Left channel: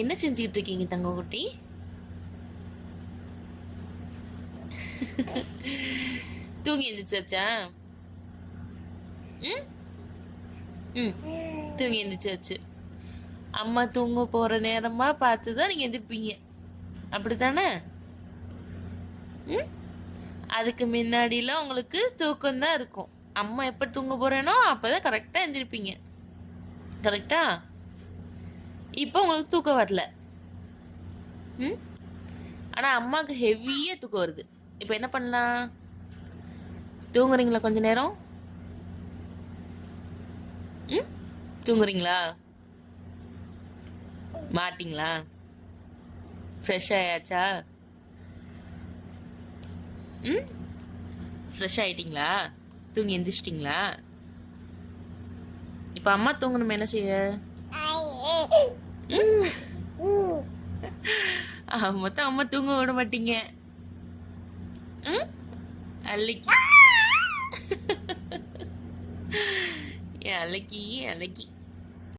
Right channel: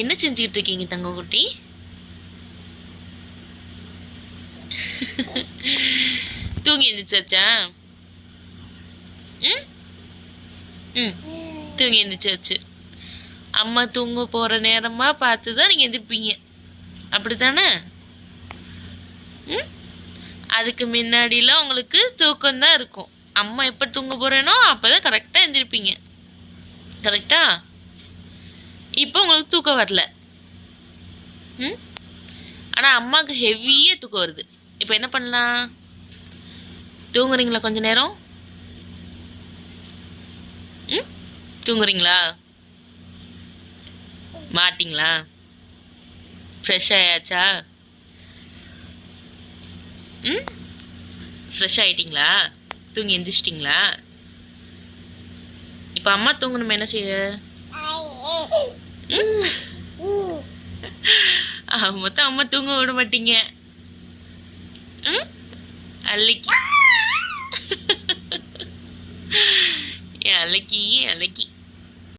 என்ன செஞ்சுக்கிட்டு இருக்கீங்க தங்கக்குட்டி? தூங்கி எழுந்திரிச்சாச்சா? ம் ம் தூங்கி எழுந்திரிச்சாச்சு. அம்மா தூங்க போகிற நேரமாக பார்த்து தான் நீங்கள் எந்திரிப்பீங்க, அப்படி தானே? ம் அதுக்கு முன்னாடிலாம் உங்களுக்கு தூக்கம்தான் இருக்கும். அம்மா எப்போ தூங்க போகிறேனோ அப்போ தான் கரெக்டாக எழுந்திருப்பீங்க. கரெக்டா? இப்போ உங்களுக்கு தூக்கம் வரல. ம் ஆனால் அம்மாவுக்கு ஹெவியாக தூக்கம் வருது. இப்போ என்ன பண்ணலாம்? தூங்குறீங்களா கொஞ்ச நேரம்? ம் தூங்குறீங்களா? மாட்டிங்களா? ஃப்ரெஷ் ஆயாச்சா? ம் ஃப்ரெஷ் ஆகிட்டிங்களா? தூங்கி எந்திரிச்சிட்டிங்களா? இப்போ அம்மா தூங்கணுமே, என்ன செய்ய? மொத்தம் அம்மா தூங்க விட மாட்டீங்க. ம் அல்லக்கி. என் அலக்கி அலக்கி.